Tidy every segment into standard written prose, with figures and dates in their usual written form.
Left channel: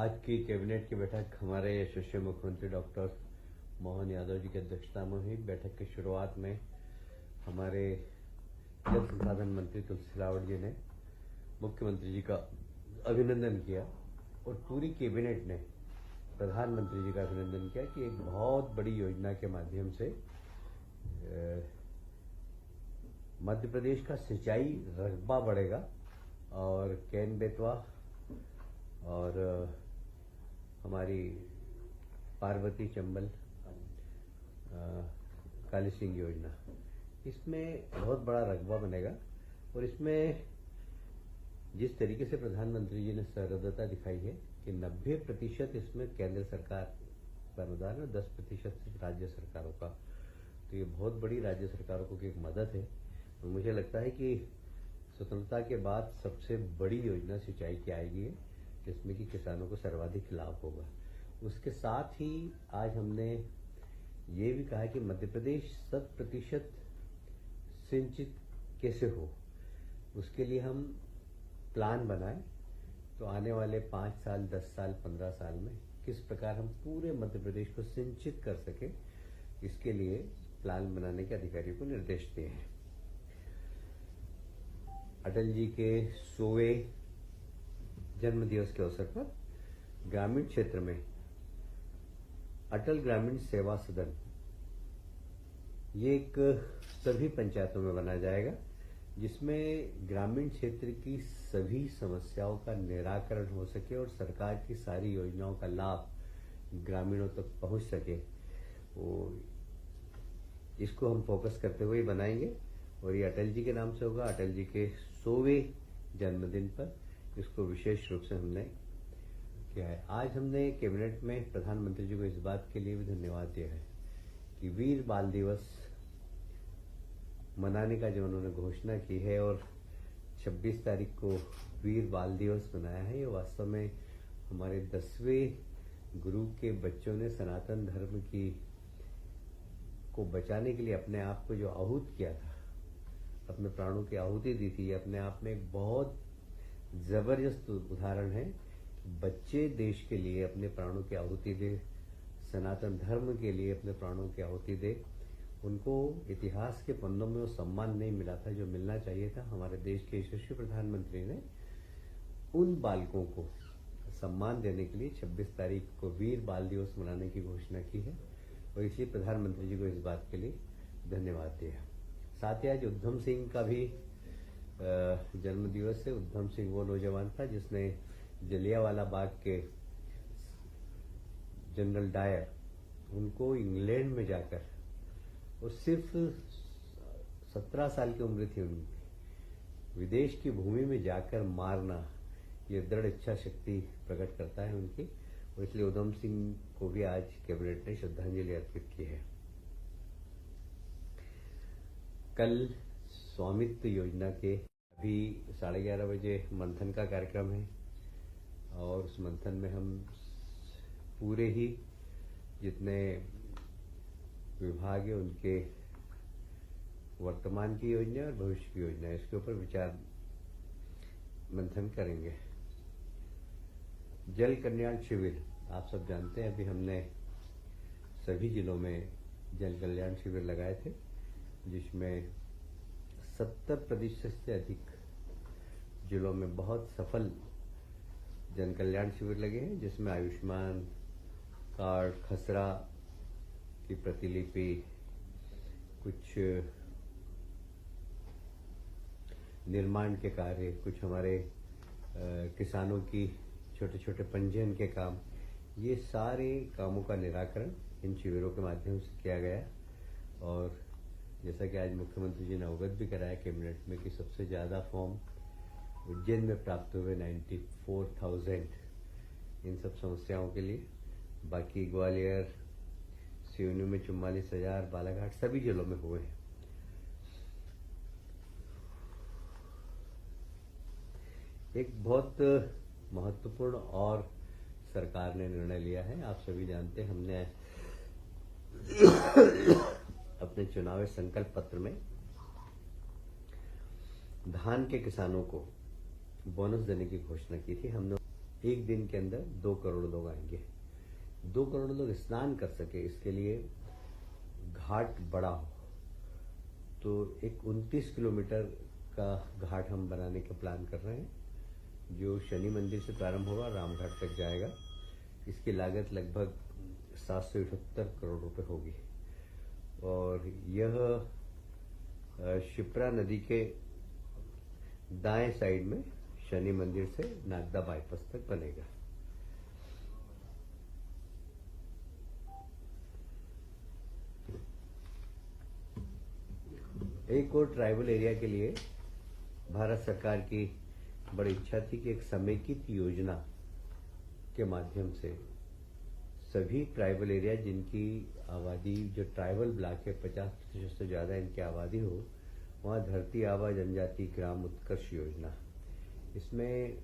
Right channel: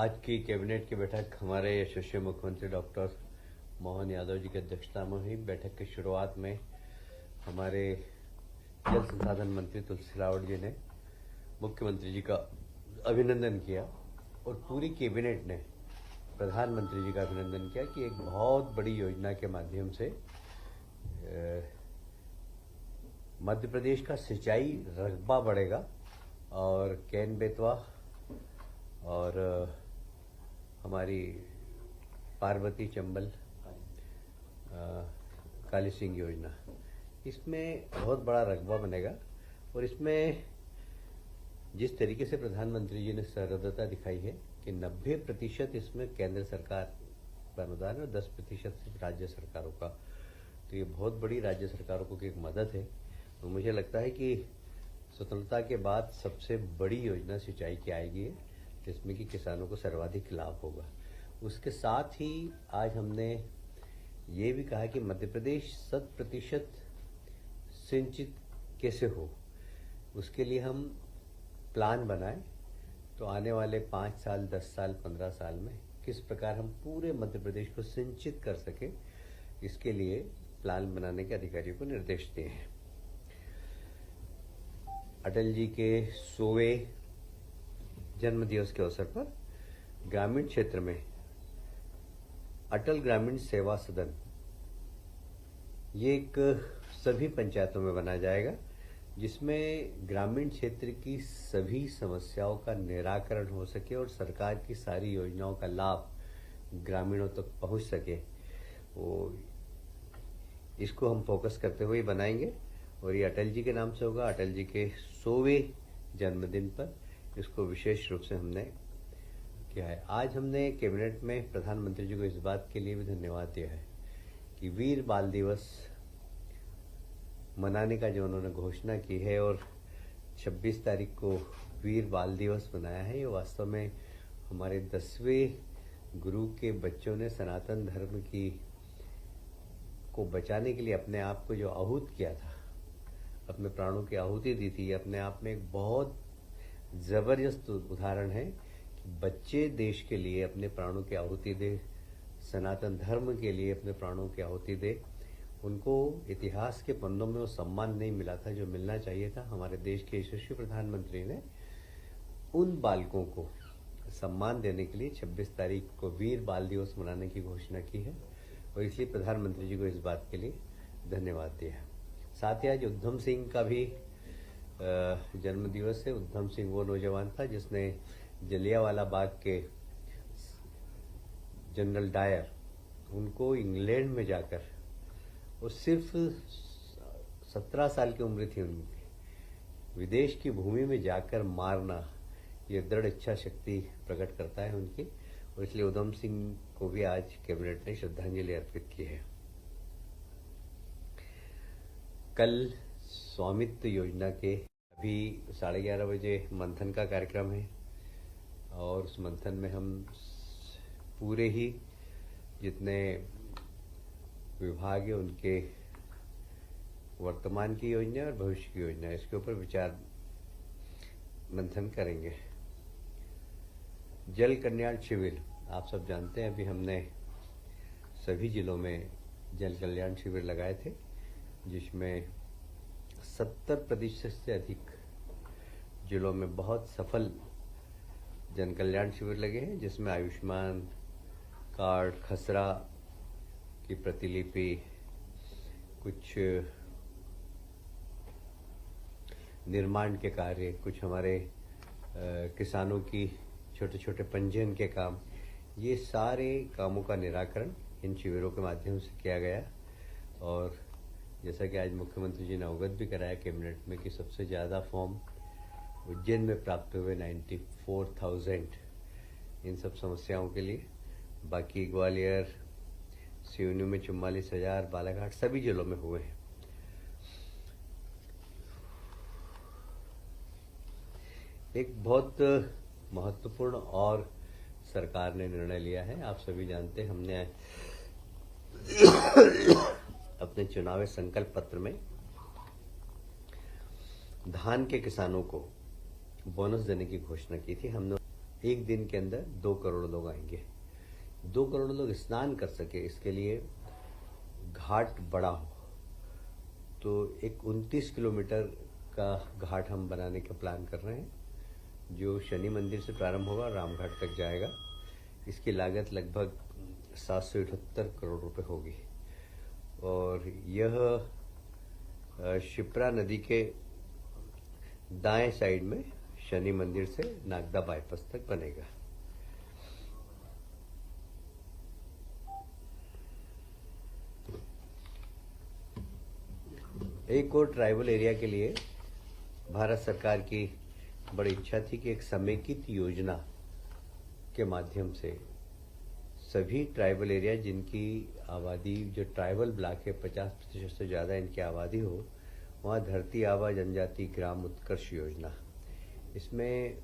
आज की कैबिनेट की बैठक हमारे यशस्वी मुख्यमंत्री डॉक्टर मोहन यादव जी की अध्यक्षता में हुई। बैठक की शुरुआत में हमारे जल संसाधन मंत्री तुलसी सिलावट जी ने मुख्यमंत्री जी का अभिनंदन किया और पूरी कैबिनेट ने प्रधानमंत्री जी का अभिनंदन किया कि एक बहुत बड़ी योजना के माध्यम से मध्य प्रदेश का सिंचाई रकबा बढ़ेगा और कैन बेतवा और हमारी पार्वती चंबल काली सिंह योजना, इसमें बहुत बड़ा रकबा बनेगा। और इसमें जिस तरीके से प्रधानमंत्री जी ने सहृदयता दिखाई है कि 90% इसमें केंद्र सरकार का अनुदान है और 10% राज्य सरकारों का, तो ये बहुत बड़ी राज्य सरकारों को की एक मदद है। तो मुझे लगता है कि स्वतंत्रता के बाद सबसे बड़ी योजना सिंचाई की आएगी, जिसमें कि किसानों को सर्वाधिक लाभ होगा। उसके साथ ही आज हमने ये भी कहा कि मध्य प्रदेश 100% सिंचित कैसे हो, उसके लिए हम प्लान बनाएं। तो आने वाले 5 साल, 10 साल, 15 साल में किस प्रकार हम पूरे मध्य प्रदेश को सिंचित कर सके, इसके लिए प्लान बनाने के अधिकारियों को निर्देश दिए हैं। अटल जी के 100वें जन्म दिवस के अवसर पर ग्रामीण क्षेत्र में अटल ग्रामीण सेवा सदन ये एक सभी पंचायतों में बनाया जाएगा, जिसमें ग्रामीण क्षेत्र की सभी समस्याओं का निराकरण हो सके और सरकार की सारी योजनाओं का लाभ ग्रामीणों तक पहुंच सके। वो इसको हम फोकस करते हुए बनाएंगे और ये अटल जी के नाम से होगा। अटल जी के 100वें जन्मदिन पर इसको विशेष रूप से हमने किया है। आज हमने कैबिनेट में प्रधानमंत्री जी को इस बात के लिए भी धन्यवाद दिया है कि वीर बाल दिवस मनाने का जो उन्होंने घोषणा की है और 26 तारीख को वीर बाल दिवस मनाया है, ये वास्तव में हमारे 10वें गुरु के बच्चों ने सनातन धर्म की को बचाने के लिए अपने आप को जो आहूत किया था, अपने प्राणों की आहुति दी थी, अपने आप में एक बहुत जबरदस्त उदाहरण है कि बच्चे देश के लिए अपने प्राणों की आहुति दे, सनातन धर्म के लिए अपने प्राणों की आहुति दे। उनको इतिहास के पन्नों में वो सम्मान नहीं मिला था जो मिलना चाहिए था। हमारे देश के यशस्वी प्रधानमंत्री ने उन बालकों को सम्मान देने के लिए 26 तारीख को वीर बाल दिवस मनाने की घोषणा की है और इसलिए प्रधानमंत्री जी को इस बात के लिए धन्यवाद दिया है। साथ ही आज उधम सिंह का भी जन्म दिवस है। उधम सिंह वो नौजवान था जिसने जलियांवाला बाग के जनरल डायर उनको इंग्लैंड में जाकर, और सिर्फ 17 साल की उम्र थी उनकी, विदेश की भूमि में जाकर मारना, ये दृढ़ इच्छा शक्ति प्रकट करता है उनकी, और इसलिए उधम सिंह को भी आज कैबिनेट ने श्रद्धांजलि अर्पित की है। कल स्वामित्व योजना के अभी 11:30 बजे मंथन का कार्यक्रम है और उस मंथन में हम पूरे ही जितने विभाग है उनके वर्तमान की योजना और भविष्य की योजना, इसके ऊपर विचार मंथन करेंगे। जल कल्याण शिविर आप सब जानते हैं, अभी हमने सभी जिलों में जल कल्याण शिविर लगाए थे, जिसमें 70% से अधिक जिलों में बहुत सफल जन कल्याण शिविर लगे हैं, जिसमें आयुष्मान कार्ड, खसरा की प्रतिलिपि, कुछ निर्माण के कार्य, कुछ हमारे किसानों की छोटे छोटे पंजीयन के काम, ये सारे कामों का निराकरण इन शिविरों के माध्यम से किया गया। और जैसा कि आज मुख्यमंत्री जी ने अवगत भी कराया कैबिनेट में कि सबसे ज़्यादा फॉर्म उज्जैन में प्राप्त हुए 94,000 इन सब समस्याओं के लिए। बाकी ग्वालियर, सिवनी में 44,000, बालाघाट सभी जिलों में हुए हैं। एक बहुत महत्वपूर्ण और सरकार ने निर्णय लिया है, आप सभी जानते हैं, हमने अपने चुनावी संकल्प पत्र में धान के किसानों को बोनस देने की घोषणा की थी। हमने एक दिन के अंदर 2 करोड़ लोग आएंगे। 2 करोड़ लोग स्नान कर सके, इसके लिए घाट बड़ा हो, तो एक 29 किलोमीटर का घाट हम बनाने का प्लान कर रहे हैं, जो शनि मंदिर से प्रारंभ होगा, रामघाट तक जाएगा। इसकी लागत लगभग 778 करोड़ रुपए होगी और यह शिप्रा नदी के दाएं साइड में शनि मंदिर से नागदा बाईपास तक बनेगा। एक और ट्राइबल एरिया के लिए भारत सरकार की बड़ी इच्छा थी कि एक समेकित योजना के माध्यम से सभी ट्राइबल एरिया जिनकी आबादी, जो ट्राइबल ब्लॉक है 50% से ज़्यादा इनकी आबादी हो, वहाँ धरती आबा जनजाति ग्राम उत्कर्ष योजना, इसमें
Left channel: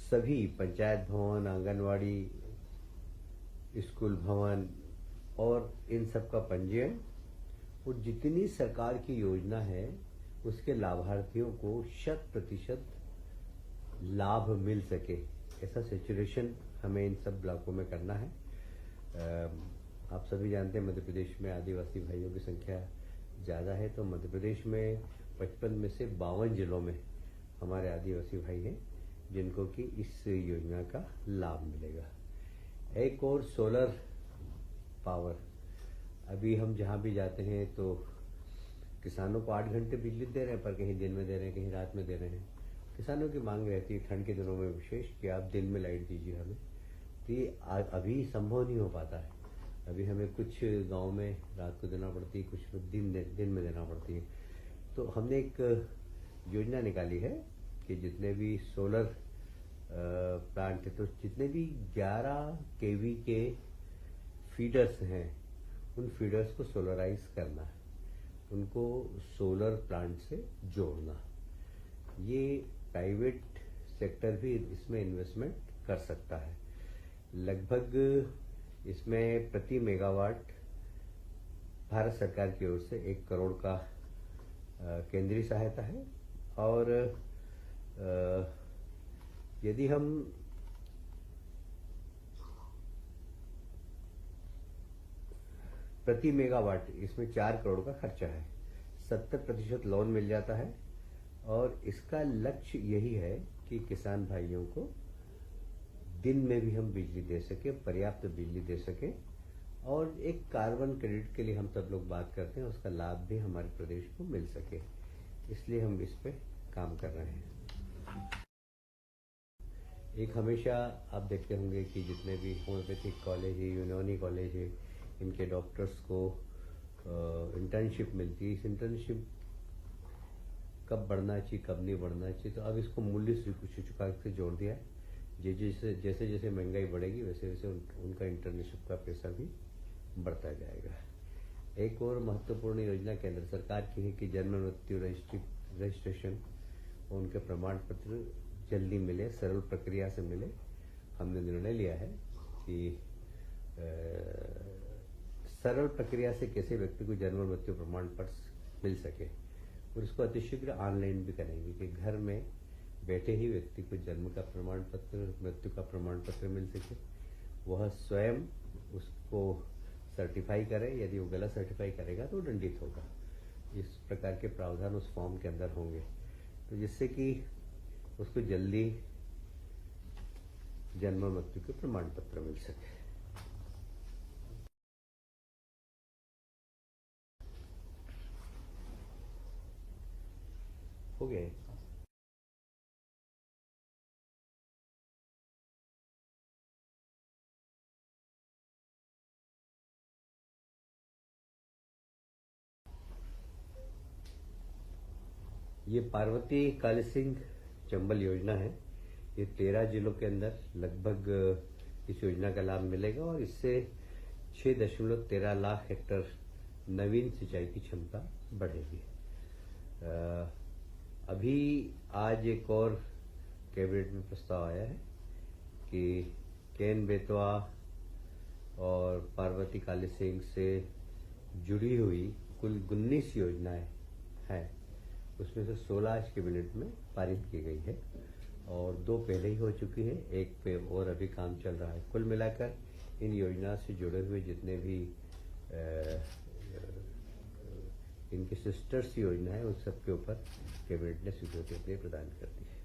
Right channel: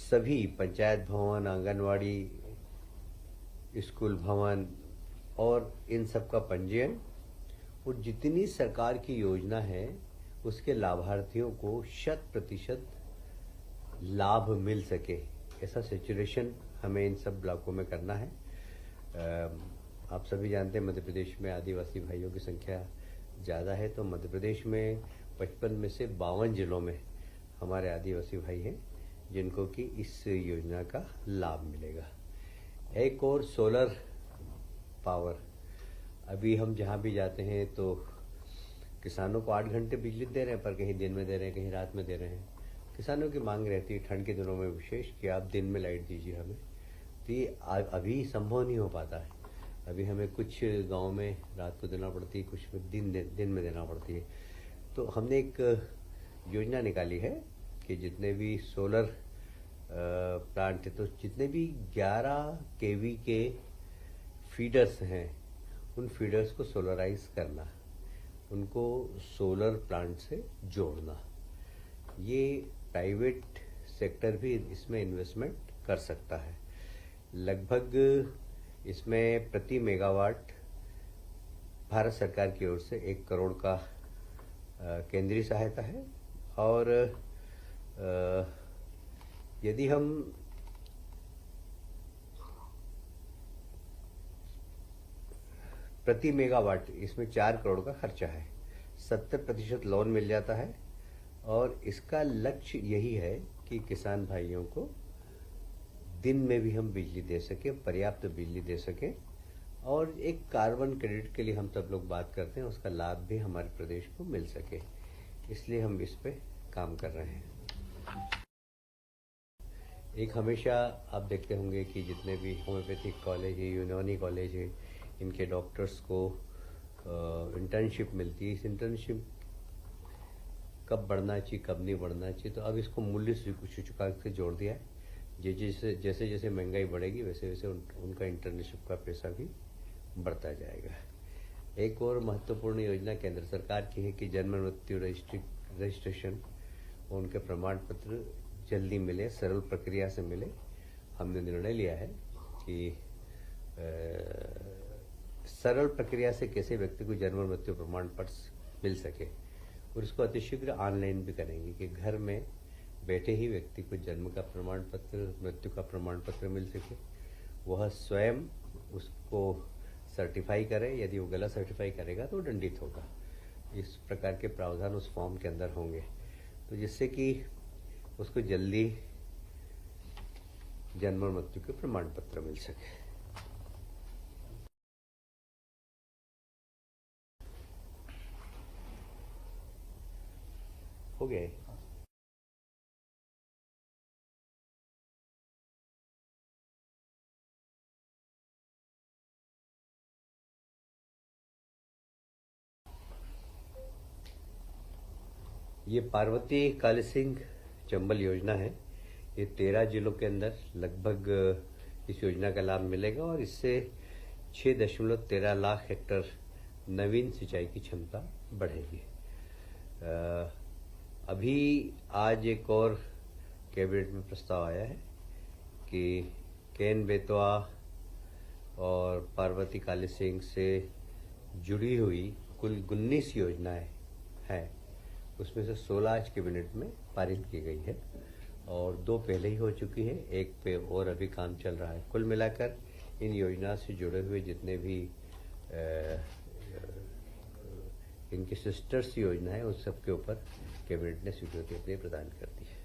सभी पंचायत भवन, आंगनवाड़ी, स्कूल भवन और इन सब का पंजीयन और जितनी सरकार की योजना है उसके लाभार्थियों को 100% लाभ मिल सके, ऐसा सैचुरेशन हमें इन सब ब्लॉकों में करना है। आप सभी जानते हैं मध्य प्रदेश में आदिवासी भाइयों की संख्या ज़्यादा है, तो मध्य प्रदेश में 55 में से 52 जिलों में हमारे आदिवासी भाई हैं जिनको कि इस योजना का लाभ मिलेगा। एक और सोलर पावर, अभी हम जहाँ भी जाते हैं तो किसानों को 8 घंटे बिजली दे रहे हैं, पर कहीं दिन में दे रहे हैं, कहीं रात में दे रहे हैं। किसानों की मांग रहती है ठंड के दिनों में विशेष कि आप दिन में लाइट दीजिए हमें, तो ये अभी संभव नहीं हो पाता है। अभी हमें कुछ गांव में रात को देना पड़ती है, कुछ दिन में देना पड़ती है। तो हमने एक योजना निकाली है कि जितने भी सोलर प्लांट है, तो जितने भी 11 केवी के फीडर्स हैं उन फीडर्स को सोलराइज करना, उनको सोलर प्लांट से जोड़ना। ये प्राइवेट सेक्टर भी इसमें इन्वेस्टमेंट कर सकता है। लगभग इसमें प्रति मेगावाट भारत सरकार की ओर से 1 करोड़ का केंद्रीय सहायता है और यदि हम प्रति मेगावाट, इसमें 4 करोड़ का खर्चा है, 70% लोन मिल जाता है और इसका लक्ष्य यही है कि किसान भाइयों को दिन में भी हम बिजली दे सके, पर्याप्त बिजली दे सके और एक कार्बन क्रेडिट के लिए हम सब लोग बात करते हैं, उसका लाभ भी हमारे प्रदेश को मिल सके, इसलिए हम इस पे काम कर रहे हैं। एक हमेशा आप देखते होंगे कि जितने भी होम्योपैथिक कॉलेज है, यूनानी कॉलेज है, इनके डॉक्टर्स को इंटर्नशिप मिलती है। इस इंटर्नशिप कब बढ़ना चाहिए, कब नहीं बढ़ना चाहिए, तो अब इसको मूल्य सूचकांक से जोड़ दिया है। जैसे जैसे महंगाई बढ़ेगी वैसे वैसे उनका इंटर्नशिप का पैसा भी बढ़ता जाएगा। एक और महत्वपूर्ण योजना केंद्र सरकार की है कि जन्म मृत्यु रजिस्ट्रेशन और उनके प्रमाण पत्र जल्दी मिले, सरल प्रक्रिया से मिले। हमने निर्णय लिया है कि सरल प्रक्रिया से कैसे व्यक्ति को जन्म मृत्यु प्रमाण पत्र मिल सके और इसको अतिशीघ्र ऑनलाइन भी करेंगे कि घर में बैठे ही व्यक्ति को जन्म का प्रमाण पत्र, मृत्यु का प्रमाण पत्र मिल सके, वह स्वयं उसको सर्टिफाई करे। यदि वो गलत सर्टिफाई करेगा तो दंडित होगा। इस प्रकार के प्रावधान उस फॉर्म के अंदर होंगे, तो जिससे कि उसको जल्दी जन्म और मृत्यु के प्रमाण पत्र मिल सके। हो गए। ये पार्वती काली सिंह चंबल योजना है। ये 13 जिलों के अंदर लगभग इस योजना का लाभ मिलेगा और इससे 6.13 लाख हेक्टर नवीन सिंचाई की क्षमता बढ़ेगी। अभी आज एक और कैबिनेट में प्रस्ताव आया है कि केन बेतवा और पार्वती काली सिंह से जुड़ी हुई कुल 19 योजनाएं हैं, उसमें से 16 आज कैबिनेट में पारित की गई है और 2 पहले ही हो चुकी हैं, एक पे और अभी काम चल रहा है। कुल मिलाकर इन योजना से जुड़े हुए जितने भी इनकी सिस्टर्स योजना है उन सब के ऊपर कैबिनेट ने स्वीकृति अपनी प्रदान कर दी है।